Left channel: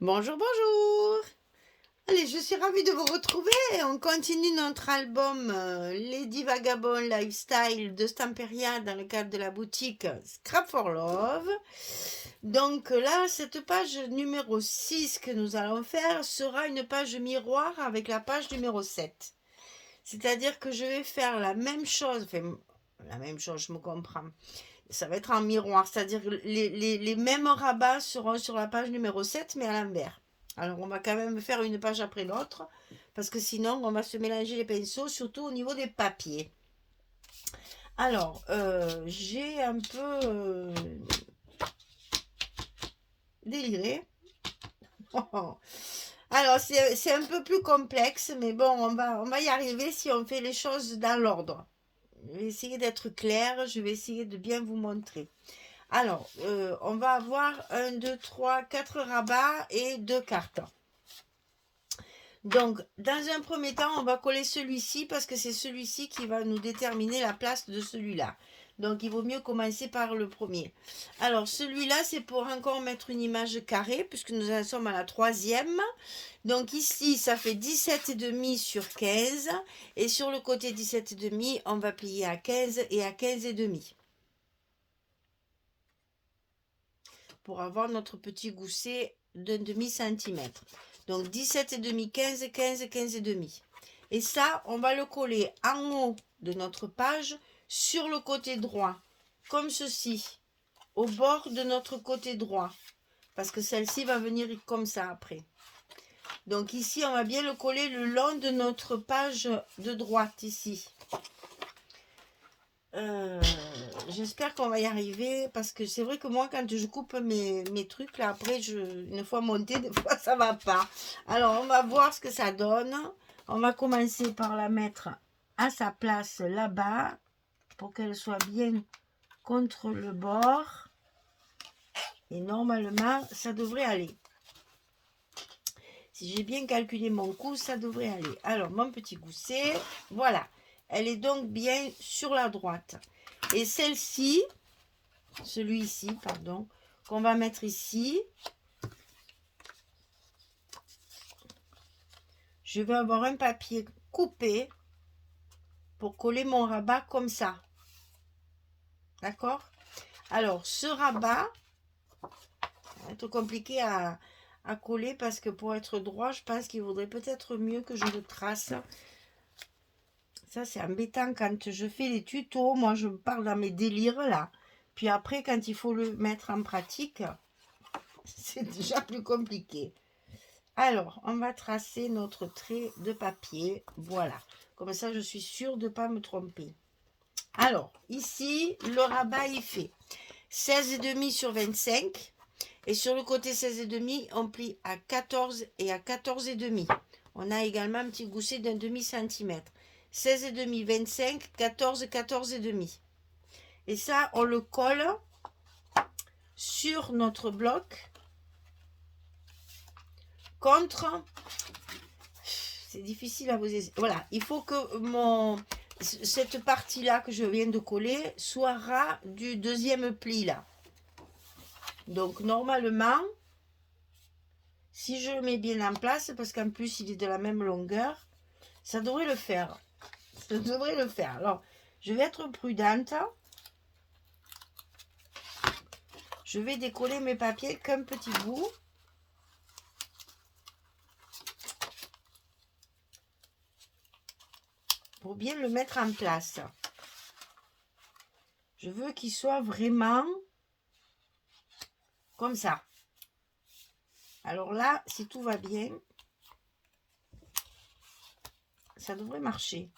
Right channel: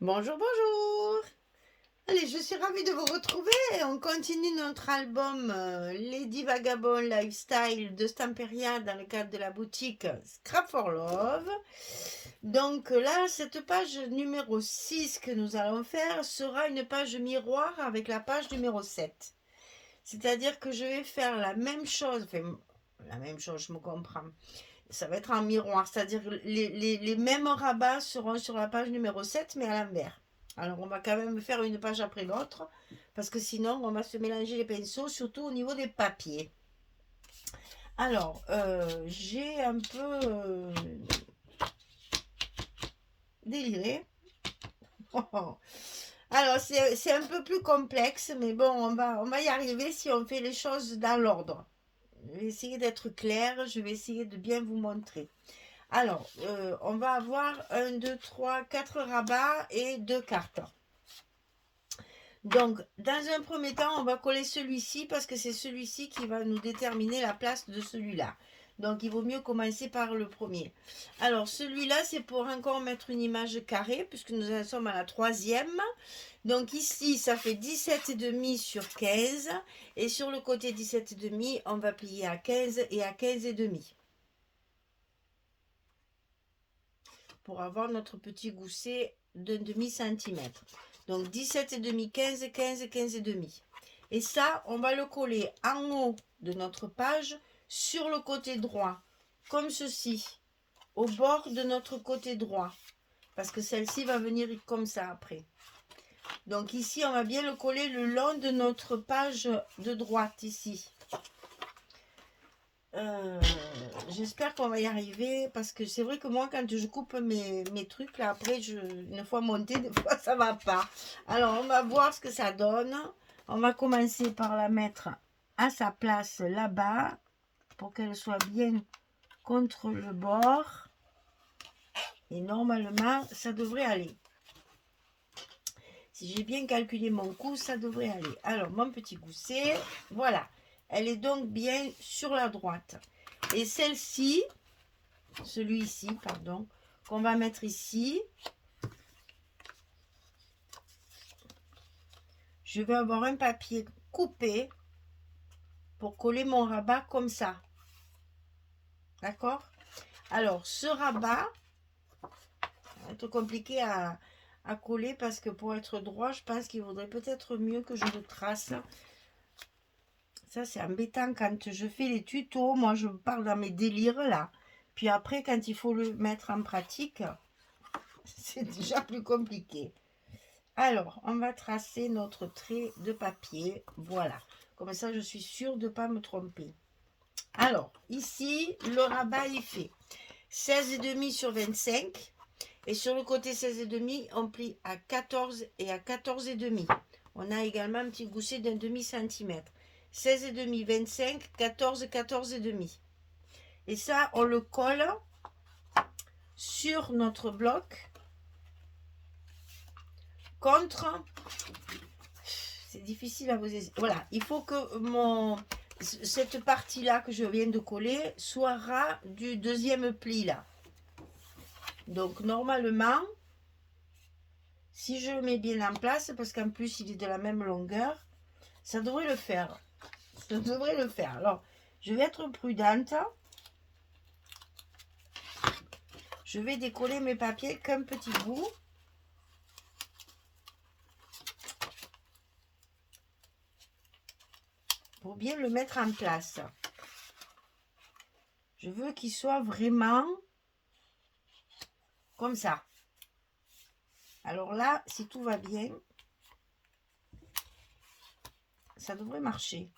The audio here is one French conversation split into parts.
Bonjour, bonjour. Allez, je suis ravie de vous retrouver. On continue notre album Lady Vagabond Lifestyle de Stamperia dans le cadre de la boutique Scrap for Love. Donc là, cette page numéro 6 que nous allons faire sera une page miroir avec la page numéro 7. C'est-à-dire que je vais faire la même chose, enfin la même chose, je me comprends. Ça va être en miroir, c'est-à-dire que les mêmes rabats seront sur la page numéro 7 mais à l'envers. Alors on va quand même faire une page après l'autre, parce que sinon on va se mélanger les pinceaux, surtout au niveau des papiers. Alors, j'ai un peu déliré. Alors c'est un peu plus complexe, mais bon, on va y arriver si on fait les choses dans l'ordre. Je vais essayer d'être claire, je vais essayer de bien vous montrer. Alors, on va avoir 1, 2, 3, 4 rabats et 2 cartes. Donc, dans un premier temps, on va coller celui-ci parce que c'est celui-ci qui va nous déterminer la place de celui-là. Donc, il vaut mieux commencer par le premier. Alors, celui-là, c'est pour encore mettre une image carrée puisque nous en sommes à la troisième. Donc, ici, ça fait 17,5 sur 15. Et sur le côté 17,5, on va plier à 15 et à 15,5. Pour avoir notre petit gousset d'un demi-centimètre. Donc 17,5, 15, 15, 15,5. Et ça, on va le coller en haut de notre page sur le côté droit, comme ceci, au bord de notre côté droit. Parce que celle-ci va venir comme ça après. Donc ici, on va bien le coller le long de notre page de droite, ici. J'espère qu'on va y arriver parce que c'est vrai que moi quand je coupe mes trucs là après une fois monté des fois ça va pas. Alors on va voir ce que ça donne. On va commencer par la mettre à sa place là-bas pour qu'elle soit bien contre le bord et normalement ça devrait aller. Si j'ai bien calculé mon coup, ça devrait aller. Alors mon petit gousset, voilà, elle est donc bien sur la droite. Et celle-ci, celui-ci, pardon, qu'on va mettre ici, je vais avoir un papier coupé pour coller mon rabat comme ça. D'accord? Alors, ce rabat, ça va être compliqué à coller parce que pour être droit, je pense qu'il vaudrait peut-être mieux que je le trace. Ça, c'est embêtant quand je fais les tutos. Moi, je parle dans mes délires là. Puis après, quand il faut le mettre en pratique, c'est déjà plus compliqué. Alors, on va tracer notre trait de papier. Voilà. Comme ça, je suis sûre de ne pas me tromper. Alors, ici, le rabat est fait. 16,5 sur 25. Et sur le côté 16,5, on plie à 14 et à 14,5. On a également un petit gousset d'un demi-centimètre. 16,5, 25, 14, 14,5. Et ça, on le colle sur notre bloc contre... C'est difficile à vous... Voilà, il faut que cette partie-là que je viens de coller soit ras du deuxième pli là. Donc normalement, si je le mets bien en place, parce qu'en plus il est de la même longueur, ça devrait le faire. Ça devrait le faire. Alors, je vais être prudente. Je vais décoller mes papiers qu'un petit bout. Pour bien le mettre en place. Je veux qu'il soit vraiment comme ça. Alors là, si tout va bien, ça devrait marcher.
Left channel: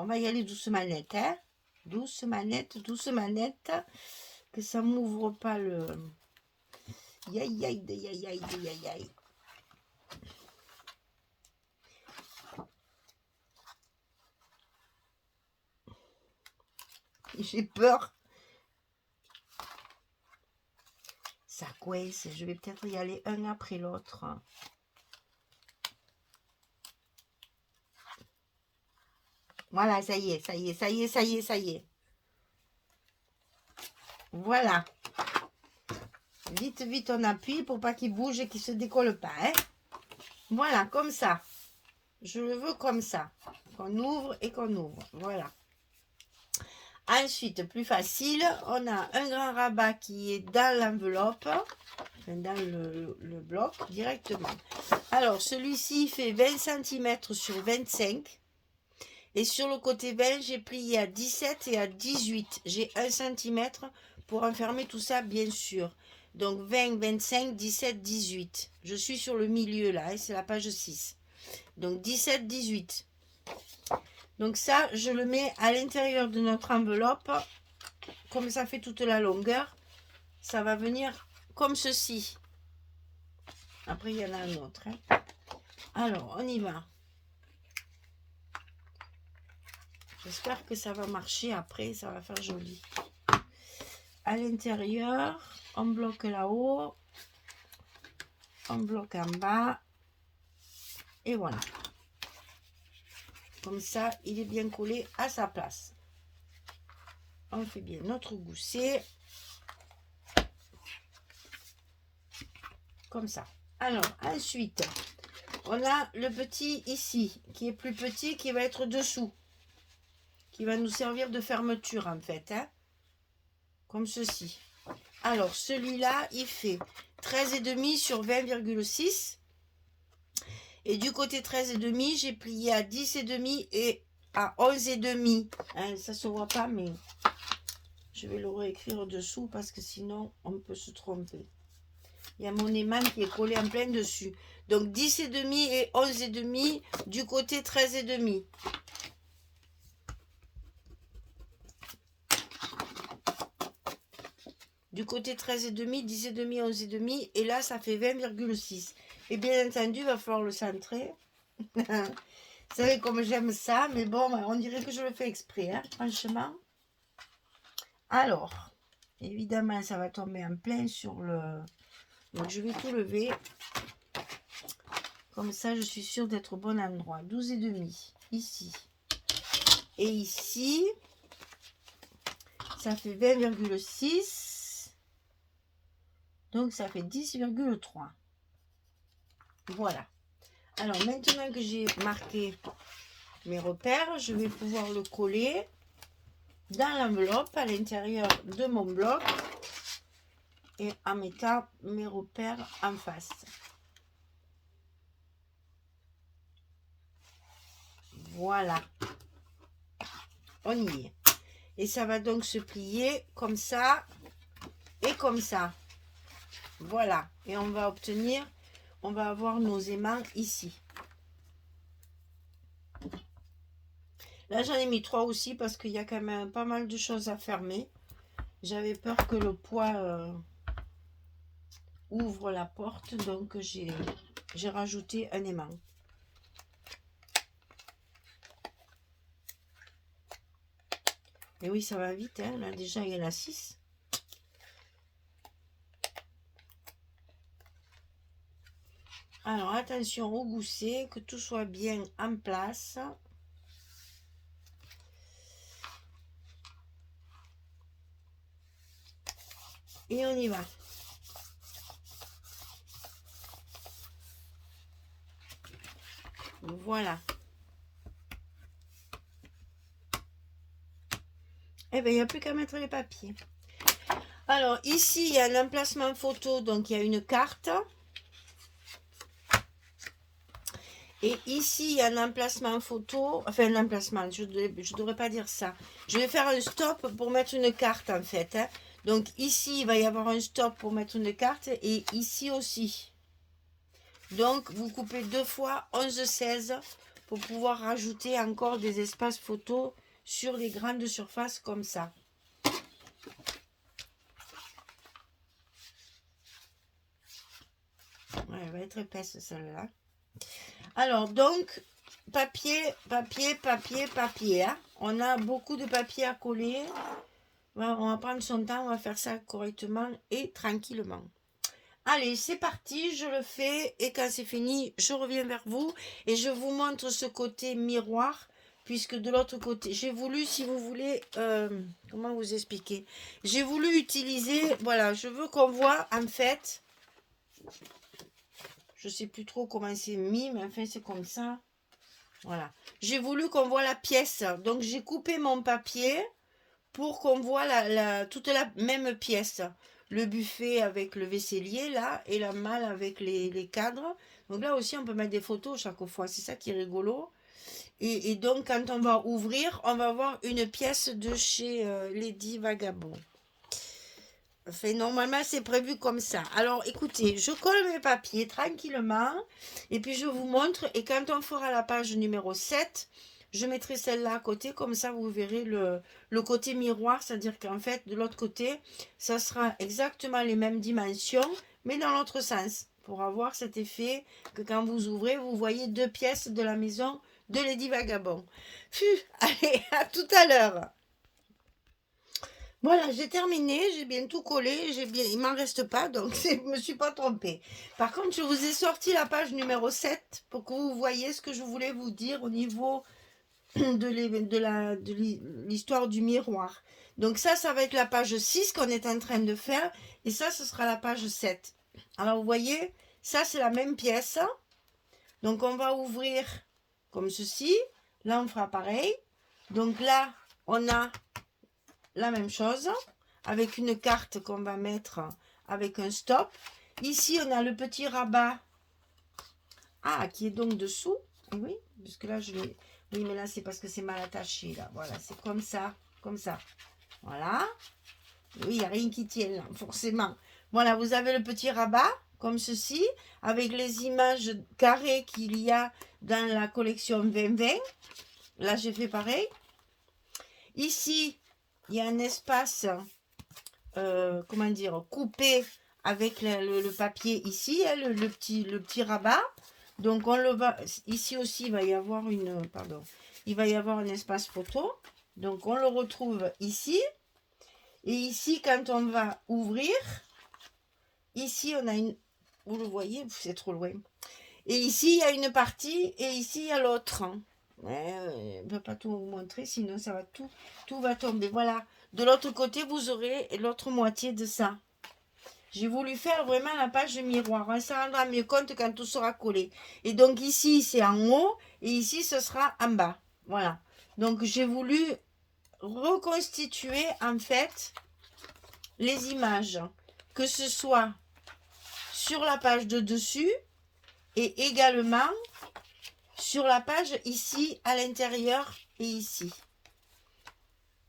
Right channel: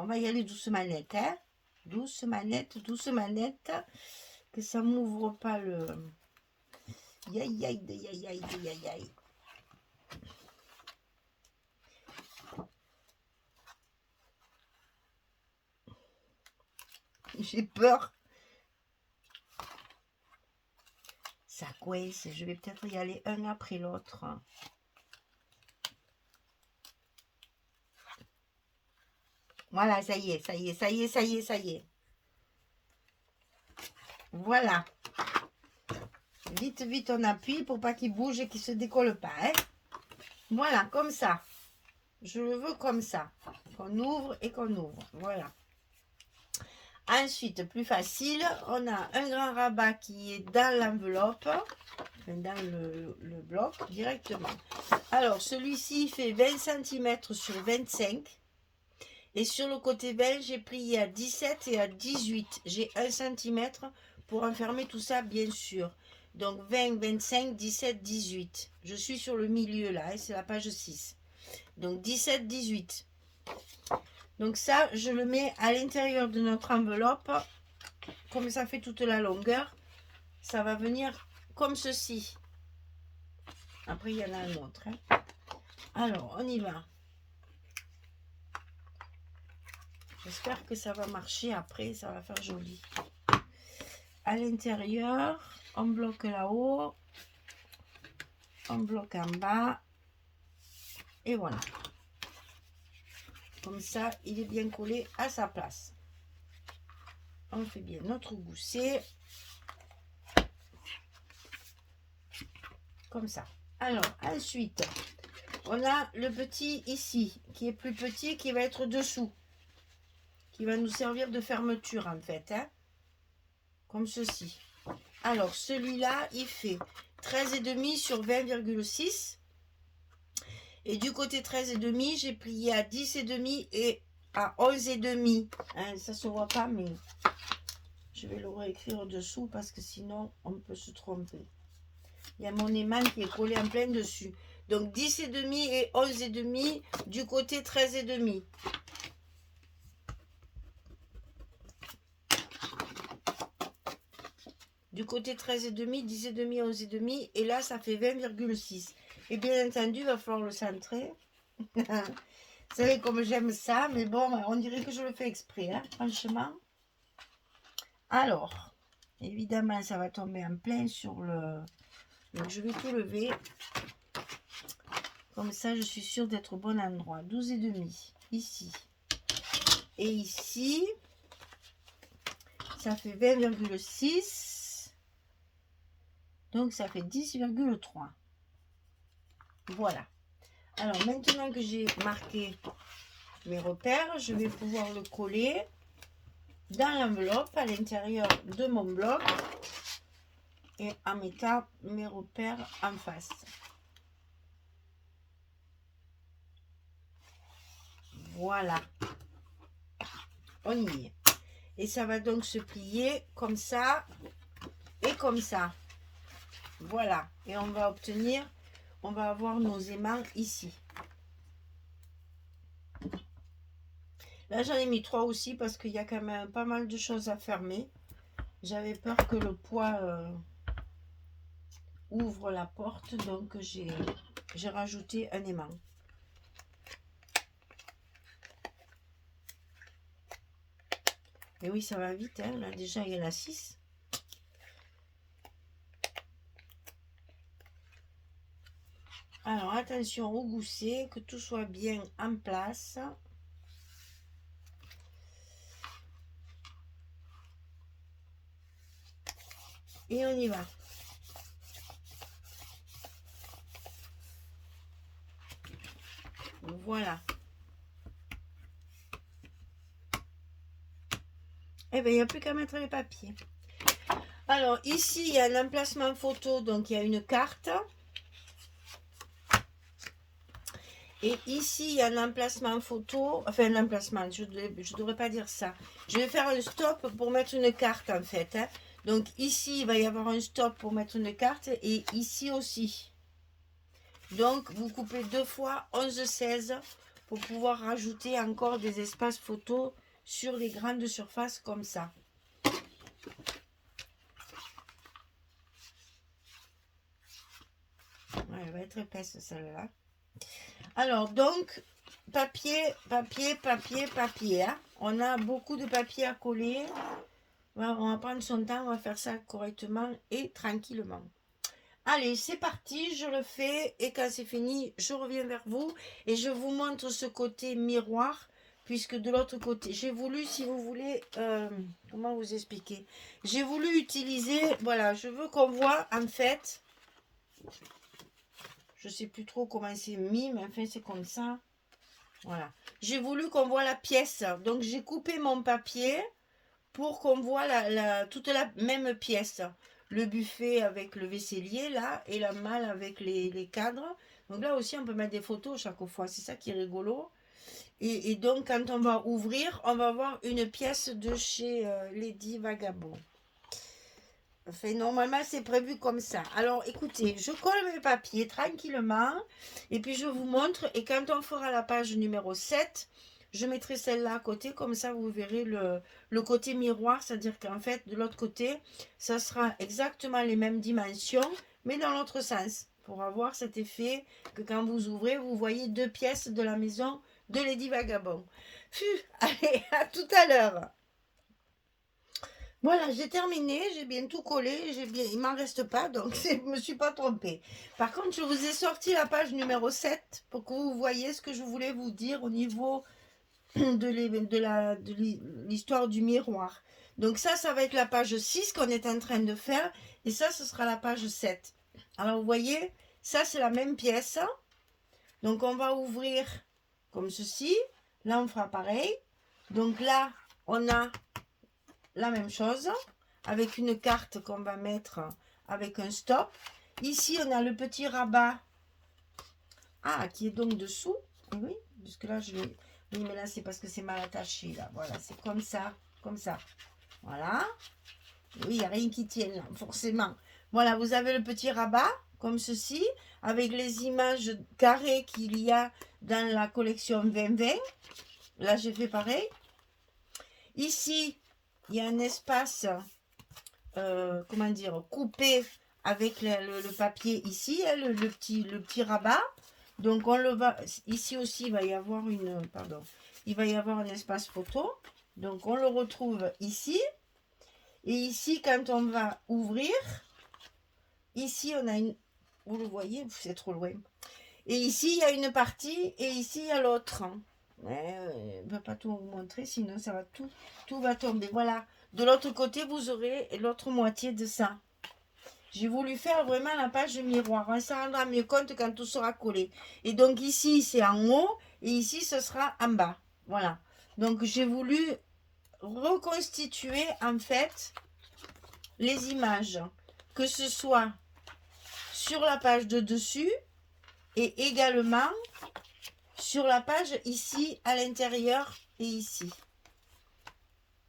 On va y aller doucement net, hein? Douce manette, que ça m'ouvre pas le... Aïe, aïe, aïe, aïe, aïe, aïe, aïe. J'ai peur. Ça coince, je vais peut-être y aller un après l'autre. Voilà, ça y est, ça y est, ça y est, ça y est, ça y est. Voilà. Vite, vite, on appuie pour pas qu'il bouge et qu'il se décolle pas. Hein. Voilà, comme ça. Je le veux comme ça. Qu'on ouvre et qu'on ouvre. Voilà. Ensuite, plus facile, on a un grand rabat qui est dans l'enveloppe, dans le bloc directement. Alors, celui-ci fait 20 cm sur 25. Et sur le côté 20, j'ai plié à 17 et à 18. J'ai 1 cm pour enfermer tout ça, bien sûr. Donc, 20, 25, 17, 18. Je suis sur le milieu, là, et c'est la page 6. Donc, 17, 18. Donc ça, je le mets à l'intérieur de notre enveloppe. Comme ça fait toute la longueur, ça va venir comme ceci. Après, il y en a un autre. Hein. Alors, on y va. J'espère que ça va marcher après, ça va faire joli. À l'intérieur, on bloque là-haut. On bloque en bas. Et voilà. Comme ça, il est bien collé à sa place. On fait bien notre gousset. Comme ça. Alors, ensuite, on a le petit ici, qui est plus petit, qui va être dessous. Qui va nous servir de fermeture, en fait. Hein, comme ceci. Alors, celui-là, il fait 13,5 sur 20,6. Et du côté 13,5, j'ai plié à 10,5 et à 11,5. Hein, ça ne se voit pas, mais je vais le réécrire dessous parce que sinon, on peut se tromper. Il y a mon aimant qui est collé en plein dessus. Donc 10,5 et 11,5 du côté 13,5. Du côté 13,5, 10,5, 11,5. Et là, ça fait 20,6. Et bien entendu, il va falloir le centrer. Vous savez comme j'aime ça. Mais bon, on dirait que je le fais exprès, hein, franchement. Alors, évidemment, ça va tomber en plein sur le... Donc, je vais tout lever. Comme ça, je suis sûre d'être au bon endroit. 12,5 ici. Et ici, ça fait 20,6. Donc, ça fait 10,3. Voilà. Alors, maintenant que j'ai marqué mes repères, je vais pouvoir le coller dans l'enveloppe à l'intérieur de mon bloc et en mettant mes repères en face. Voilà. On y est. Et ça va donc se plier comme ça et comme ça. Voilà. Et on va obtenir, on va avoir nos aimants ici. Là, j'en ai mis 3 aussi parce qu'il y a quand même pas mal de choses à fermer. J'avais peur que le poids ouvre la porte, donc j'ai rajouté un aimant. Et oui, ça va vite, hein. Là, déjà, il y en a 6. Alors, attention au gousset, que tout soit bien en place. Et on y va. Voilà. Eh bien, il n'y a plus qu'à mettre les papiers. Alors, ici, il y a l'emplacement photo, donc il y a une carte. Et ici, il y a un emplacement photo, enfin un emplacement, je ne devrais pas dire ça. Je vais faire un stop pour mettre une carte en fait. Hein. Donc ici, il va y avoir un stop pour mettre une carte et ici aussi. Donc, vous coupez 2 fois 11,16 pour pouvoir rajouter encore des espaces photos sur les grandes surfaces comme ça. Ouais, elle va être épaisse celle-là. Alors, donc, papier, papier, papier, papier. Hein. On a beaucoup de papier à coller. On va prendre son temps, on va faire ça correctement et tranquillement. Allez, c'est parti, je le fais et quand c'est fini, je reviens vers vous et je vous montre ce côté miroir puisque de l'autre côté, j'ai voulu, si vous voulez, comment vous expliquer? J'ai voulu utiliser, voilà, je veux qu'on voit, en fait, je sais plus trop comment c'est mis, mais enfin, c'est comme ça. Voilà. J'ai voulu qu'on voit la pièce. Donc, j'ai coupé mon papier pour qu'on voit toute la même pièce. Le buffet avec le vaisselier, là, et la malle avec les cadres. Donc là aussi, on peut mettre des photos chaque fois. C'est ça qui est rigolo. Et donc, quand on va ouvrir, on va voir une pièce de chez Lady Vagabond. Enfin, normalement, c'est prévu comme ça. Alors, écoutez, je colle mes papiers tranquillement. Et puis, je vous montre. Et quand on fera la page numéro 7, je mettrai celle-là à côté. Comme ça, vous verrez le côté miroir. C'est-à-dire qu'en fait, de l'autre côté, ça sera exactement les mêmes dimensions, mais dans l'autre sens. Pour avoir cet effet que quand vous ouvrez, vous voyez deux pièces de la maison de Lady Vagabond. Allez, à tout à l'heure. Voilà, j'ai terminé, j'ai bien tout collé, il m'en reste pas, donc je ne me suis pas trompée. Par contre, je vous ai sorti la page numéro 7 pour que vous voyez ce que je voulais vous dire au niveau de l'histoire du miroir. Donc ça va être la page 6 qu'on est en train de faire, et ça, ce sera la page 7. Alors, vous voyez, ça, c'est la même pièce. Donc, on va ouvrir comme ceci. Là, on fera pareil. Donc là, on a la même chose avec une carte qu'on va mettre avec un stop. Ici, on a le petit rabat qui est donc dessous. Oui, parce que là, oui, mais là, c'est parce que c'est mal attaché. Là. Voilà, c'est comme ça, comme ça. Voilà. Oui, il n'y a rien qui tienne, là, forcément. Voilà, vous avez le petit rabat, comme ceci, avec les images carrées qu'il y a dans la collection 2020. Là, j'ai fait pareil. Ici, il y a un espace, comment dire, coupé avec le papier ici, hein, le petit rabat. Donc, on le va, ici aussi, il va y avoir il va y avoir un espace photo. Donc, on le retrouve ici. Et ici, quand on va ouvrir, ici, on a une, vous le voyez, c'est trop loin. Et ici, il y a une partie et ici, il y a l'autre. Je ne vais pas tout vous montrer, sinon ça va tout va tomber. Voilà. De l'autre côté, vous aurez l'autre moitié de ça. J'ai voulu faire vraiment la page miroir. On s'en rendra mieux compte quand tout sera collé. Et donc ici, c'est en haut et ici, ce sera en bas. Voilà. Donc, j'ai voulu reconstituer en fait les images. Que ce soit sur la page de dessus et également sur la page ici à l'intérieur et ici.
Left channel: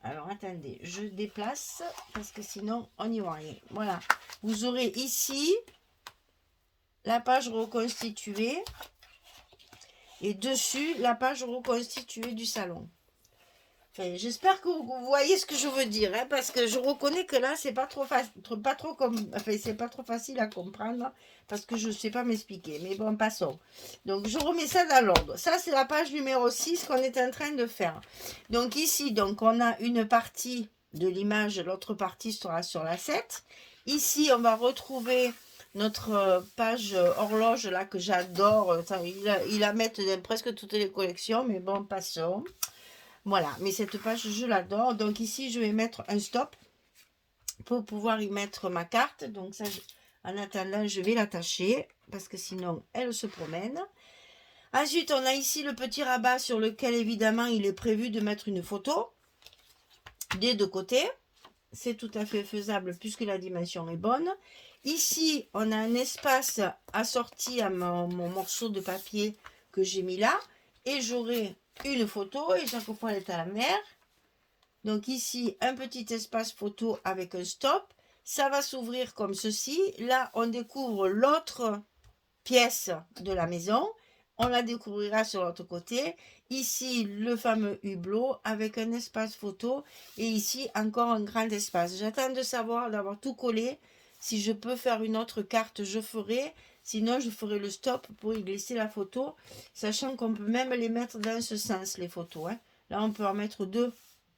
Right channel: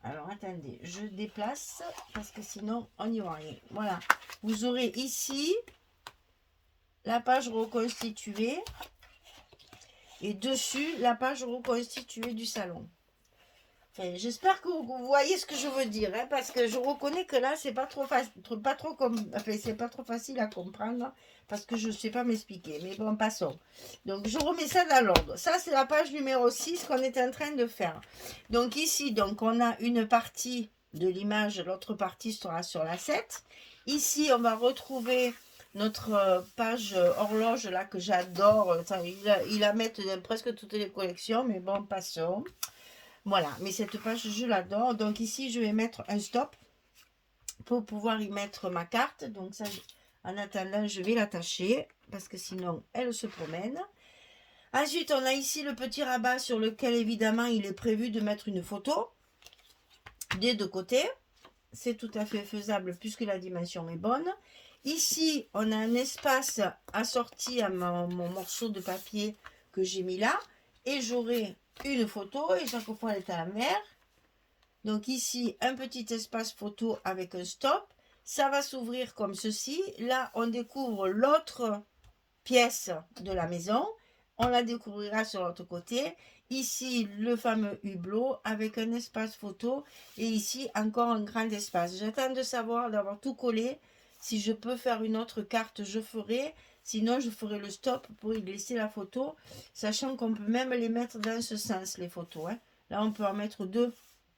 Alors attendez, je déplace parce que sinon on n'y voit rien. Voilà, vous aurez ici la page reconstituée et dessus la page reconstituée du salon. Enfin, j'espère que vous voyez ce que je veux dire, hein, parce que je reconnais que là c'est pas trop c'est pas trop facile à comprendre parce que je ne sais pas m'expliquer. Mais bon, passons. Donc je remets ça dans l'ordre. Ça c'est la page numéro 6 qu'on est en train de faire. Donc ici, donc on a une partie de l'image, l'autre partie sera sur la 7. Ici, on va retrouver notre page horloge là que j'adore. Il la met dans presque toutes les collections, mais bon, passons. Voilà, mais cette page, je l'adore. Donc ici, je vais mettre un stop pour pouvoir y mettre ma carte. Donc ça, en attendant, je vais l'attacher parce que sinon, elle se promène. Ensuite, on a ici le petit rabat sur lequel, évidemment, il est prévu de mettre une photo des deux côtés. C'est tout à fait faisable puisque la dimension est bonne. Ici, on a un espace assorti à mon morceau de papier que j'ai mis là. Et j'aurai une photo et chaque fois elle est à la mer. Donc ici, un petit espace photo avec un stop. Ça va s'ouvrir comme ceci. Là, on découvre l'autre pièce de la maison. On la découvrira sur l'autre côté. Ici, le fameux hublot avec un espace photo. Et ici, encore un grand espace. J'attends de savoir, d'avoir tout collé. Si je peux faire une autre carte, je ferai. Sinon, je ferai le stop pour y glisser la photo. Sachant qu'on peut même les mettre dans ce sens, les photos. Hein. Là, on peut en mettre deux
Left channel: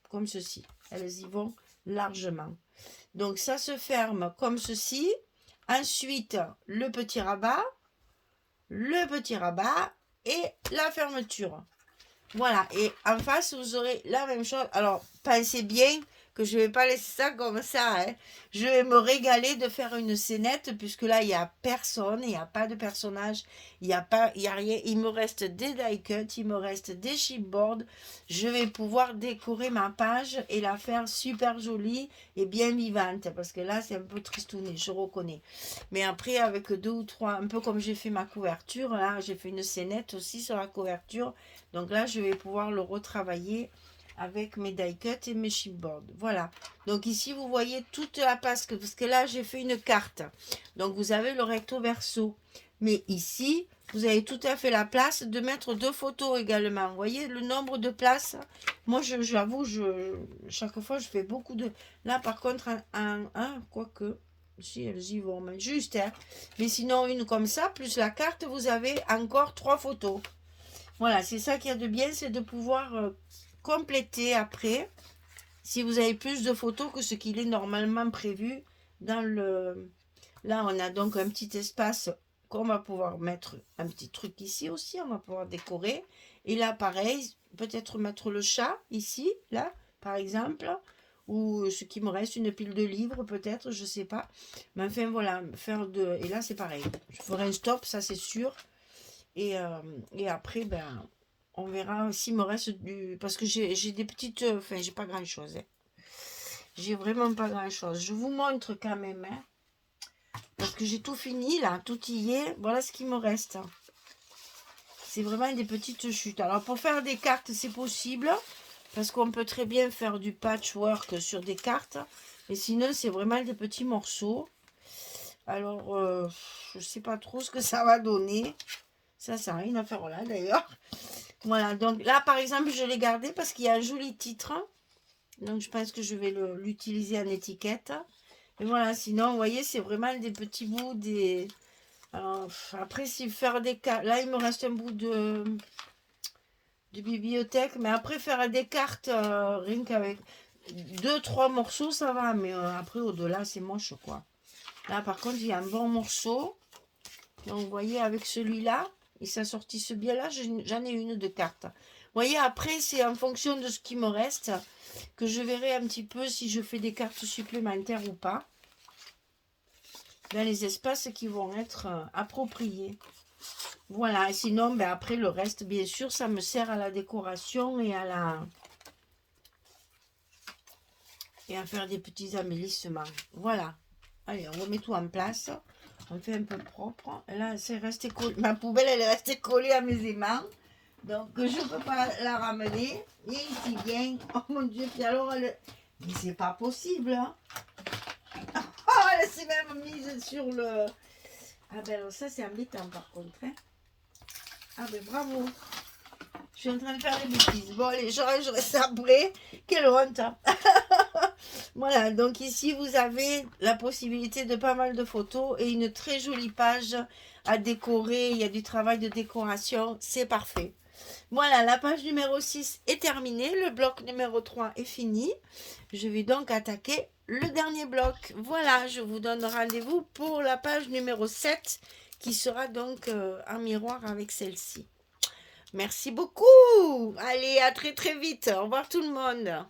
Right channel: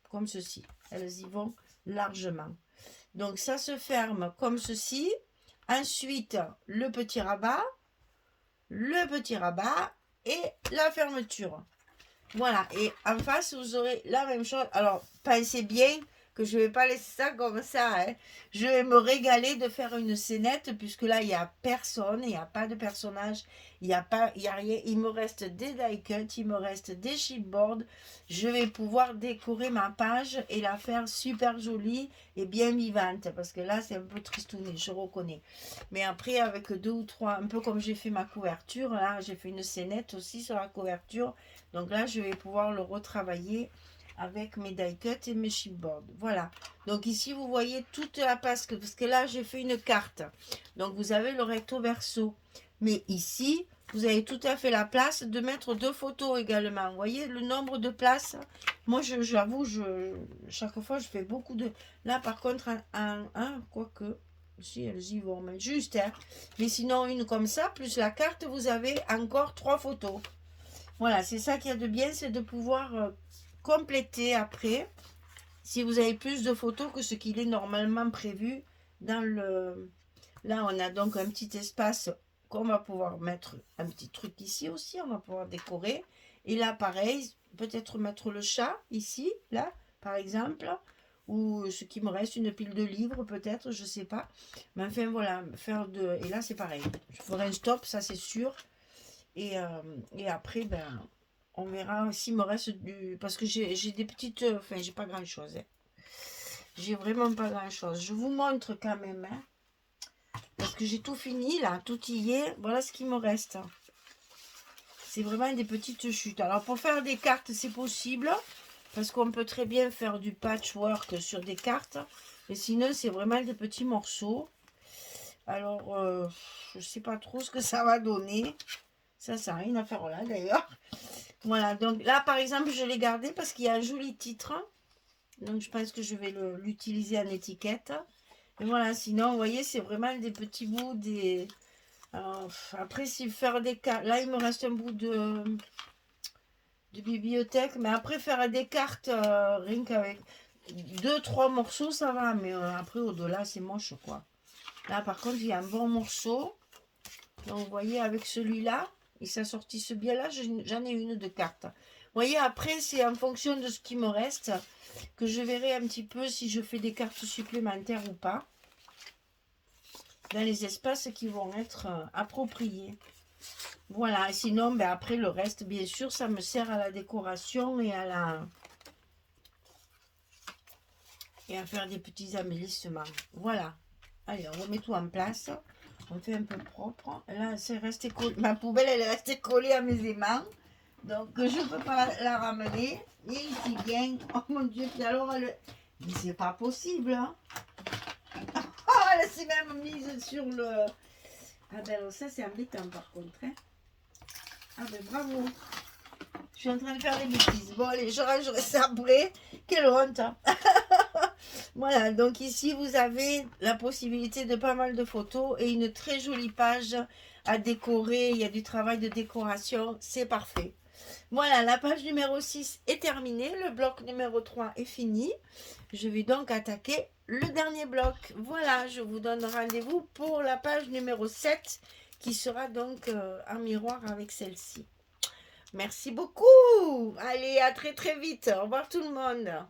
comme ceci. Elles y vont largement. Donc, ça se ferme comme ceci. Ensuite, le petit rabat et la fermeture. Voilà, et en face, vous aurez la même chose. Alors, pensez bien que je ne vais pas laisser ça comme ça, hein. Je vais me régaler de faire une scénette, puisque là, il n'y a personne, il n'y a pas de personnage, il y a rien. Il me reste des die cuts, il me reste des chipboards. Je vais pouvoir décorer ma page et la faire super jolie et bien vivante, parce que là, c'est un peu tristouné, je reconnais. Mais après, avec deux ou trois, un peu comme j'ai fait ma couverture, là, j'ai fait une scénette aussi sur la couverture. Donc là, je vais pouvoir le retravailler avec mes die cuts et mes chipboards. Voilà. Donc ici, vous voyez toute la parce que là, j'ai fait une carte. Donc vous avez le recto verso. Mais ici, vous avez tout à fait la place de mettre deux photos également. Vous voyez le nombre de places. Moi, j'avoue, chaque fois, je fais beaucoup de... Là, par contre, quoique... Si elles y vont, mais juste, hein. Mais sinon, une comme ça, plus la carte, vous avez encore trois photos. Voilà, c'est ça qu'il y a de bien, c'est de pouvoir compléter après, si vous avez plus de photos que ce qu'il est normalement prévu dans le... Là, on a donc un petit espace qu'on va pouvoir mettre un petit truc ici aussi, on va pouvoir décorer. Et là, pareil, peut-être mettre le chat ici, là, par exemple, ou ce qui me reste, une pile de livres peut-être, je sais pas. Mais enfin, voilà, faire de... Et là, c'est pareil. Je ferai un stop, ça c'est sûr. Et après, ben, on verra s'il me reste du... Parce que j'ai des petites... Enfin, j'ai pas grand-chose, hein. J'ai vraiment pas grand-chose. Je vous montre quand même, hein, parce que j'ai tout fini, là. Tout y est. Voilà ce qui me reste. C'est vraiment des petites chutes. Alors, pour faire des cartes, c'est possible. Parce qu'on peut très bien faire du patchwork sur des cartes. Mais sinon, c'est vraiment des petits morceaux. Alors, je sais pas trop ce que ça va donner. Ça n'a rien à faire là, d'ailleurs. Voilà, donc là, par exemple, je l'ai gardé parce qu'il y a un joli titre. Donc, je pense que je vais l'utiliser en étiquette. Et voilà, sinon, vous voyez, c'est vraiment des petits bouts. Alors, après, si faire des cartes... Là, il me reste un bout de bibliothèque. Mais après, faire des cartes, rien qu'avec deux, trois morceaux, ça va. Mais après, au-delà, c'est moche, quoi. Là, par contre, il y a un bon morceau. Donc, vous voyez, avec celui-là, il s'assortisse bien là, j'en ai une de carte. Vous voyez, après, c'est en fonction de ce qui me reste que je verrai un petit peu si je fais des cartes supplémentaires ou pas. Dans les espaces qui vont être appropriés. Voilà, sinon, ben, après, le reste, bien sûr, ça me sert à la décoration et et à faire des petits embellissements. Voilà. Allez, on remet tout en place. On fait un peu propre. Là, c'est resté collé. Ma poubelle, elle est restée collée à mes aimants. Donc, je ne peux pas la ramener. Et ici, bien. Oh mon Dieu, puis alors, elle... Mais c'est pas possible, hein. Oh, elle s'est même mise sur le... Ah ben alors ça, c'est embêtant par contre, hein. Ah ben bravo. Je suis en train de faire des bêtises. Bon, allez, je rangerai ça après. Quelle honte, hein. Voilà, donc ici, vous avez la possibilité de pas mal de photos et une très jolie page à décorer. Il y a du travail de décoration, c'est parfait. Voilà, la page numéro 6 est terminée. Le bloc numéro 3 est fini. Je vais donc attaquer le dernier bloc. Voilà, je vous donne rendez-vous pour la page numéro 7 qui sera donc en miroir avec celle-ci. Merci beaucoup. Allez, à très très vite. Au revoir tout le monde.